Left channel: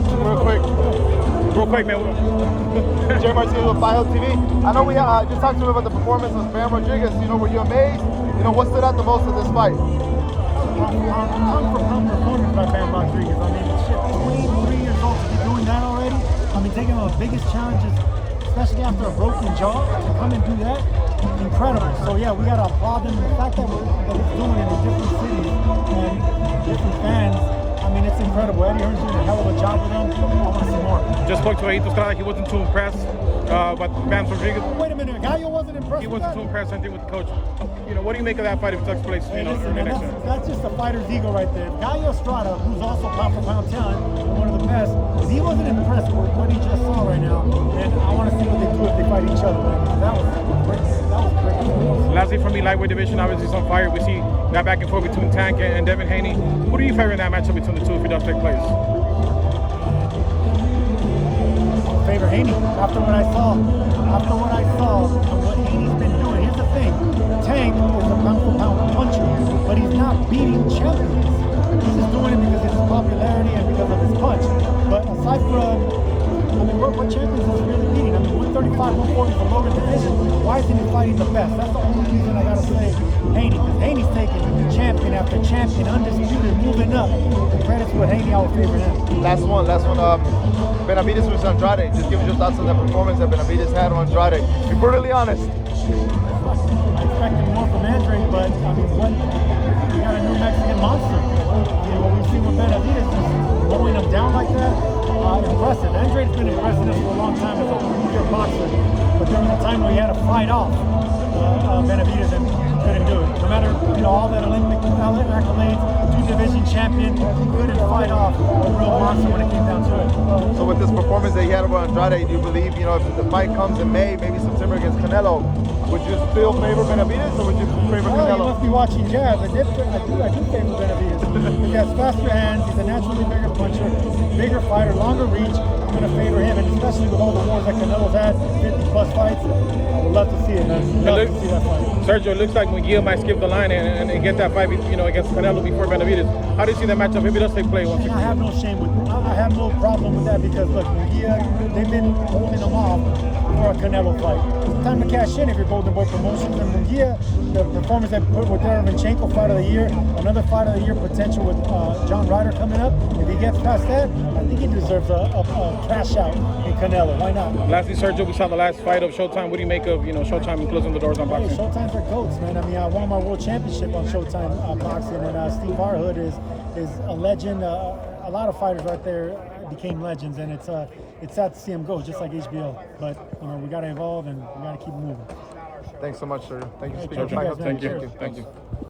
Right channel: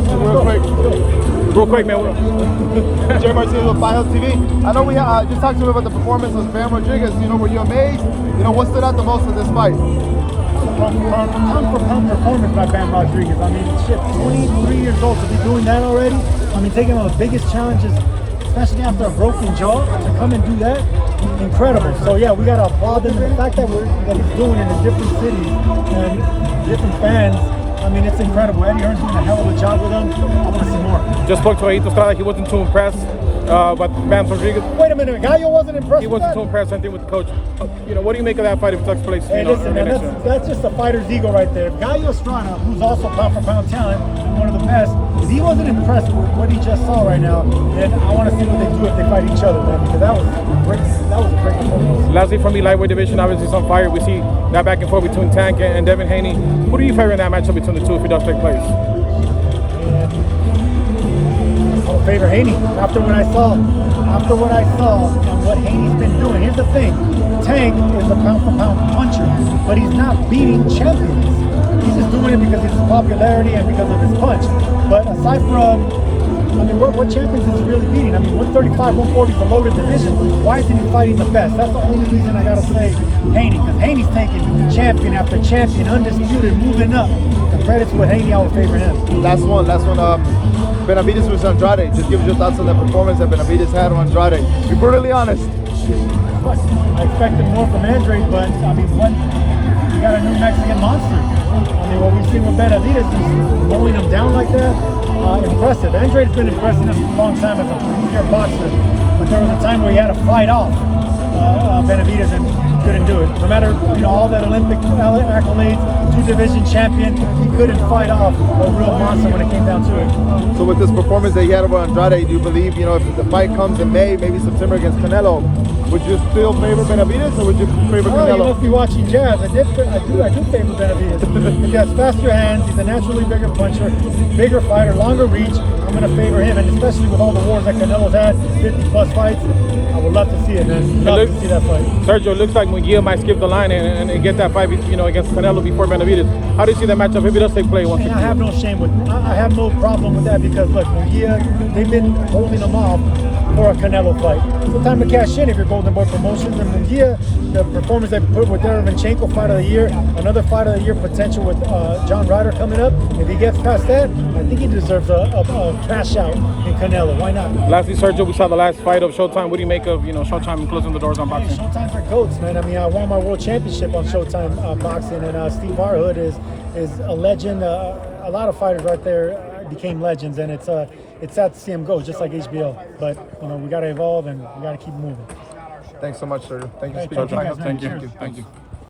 Real quick, man. Jay Martinez with File TV. I know we just talked to me about the performance of Bam Rodriguez. You know, were you amazed? You know, what stood out the most of this fight? Pound for pound performance by Bam Rodriguez. I mean, shit, 23 years old to be doing that already. I mean, taking on the biggest challenges, especially after a broken jaw, to come and do that, incredible. So yeah, we gotta applaud him. And the fact that he's doing it in different cities and different fans, I mean, it's incredible. Eddie Hearn's doing a hell of a job with him. I want to see more. Just spoke to ESTRADA. He wasn't too impressed. But Bam Rodriguez. Wait a minute, Gallo wasn't impressed. He wasn't too impressed. Same thing with the coach. You know, what do you make of that fight if it takes place? Hey, listen, man, that's just a fighter's ego right there. If Gallo Estrada, who's also pound for pound talent and one of the best, if he wasn't impressed with what he just saw right now, then I want to see what they do if they fight each other, man, because that was great. That was a great performance. Lastly, from the lightweight division, obviously it's on fire. We see that back and forth between Tank and Devin Haney. Who do you favor in that matchup between the two if it does take place? I would favor Haney after what I saw. After what I saw and what Haney's been doing. Here's the thing, Tank is a pound for pound puncher, but he's not beating champions. He's just doing it because of his popularity and because of his punch. But aside from, I mean, what champions is he really beating? I mean, 135, 140 is the loaded division. Why isn't he fighting the best? That's the only reason I gotta say Haney, because Haney's taking champion after champion, undisputed, moving up. The credit's with Haney, I would favor him. Last one. Benavidez was Andrade. Just give us your thoughts on that performance that Benavidez had on Andrade. Be brutally honest. I expected more from Andrade, but I mean, we got a new Mexican monster. I mean, what we've seen with Benavidez is mowing him down like that. Impressive. Andrade's been impressing us for a long time as a pure boxer, but there was a time where he had to fight off Benavidez and couldn't do it. No matter, you know, all that Olympic accolades, two-division champion, he couldn't fight off a real monster when it came down to it. So with this performance that he had over Andrade, do you believe, you know, if the fight comes in May, maybe September against Canelo, would you still favor Benavidez or would you favor Canelo? You must be watching jazz. I do favor Benavidez. He has faster hands, he's a naturally bigger puncher, bigger fighter, longer reach. I'm going to favor him, and especially with all the wars that Canelo's had, 50 plus fights, I would love to see it, man. Love to see that fight. Sergio, it looks like Munguia might skip the line and get that fight, you know, against Canelo before Benavidez. How do you see that matchup if it does take place? I have no shame with, I have no problem with that because look, Munguia, they've been holding him off for a Canelo fight. It's the time to cash in if you're Golden Boy Promotions. And Munguia, the performance they put with Derevyanchenko, fight of the year, another fight of the year potential with John Ryder coming up. If he gets past that, I think he deserves a cash out in Canelo. Why not? Lastly, Sergio, we saw the last fight of Showtime. What do you make of, you know, Showtime closing the doors on boxing? Hey, Showtime's for goats, man. I mean, I won my world championship on Showtime boxing, and Steve Harhood is a legend. A lot of fighters right there became legends, and it's sad to see him go, just like HBO. But you know, we got to evolve and we got to keep moving. Thanks so much, Sergio. Thank you, Thank you.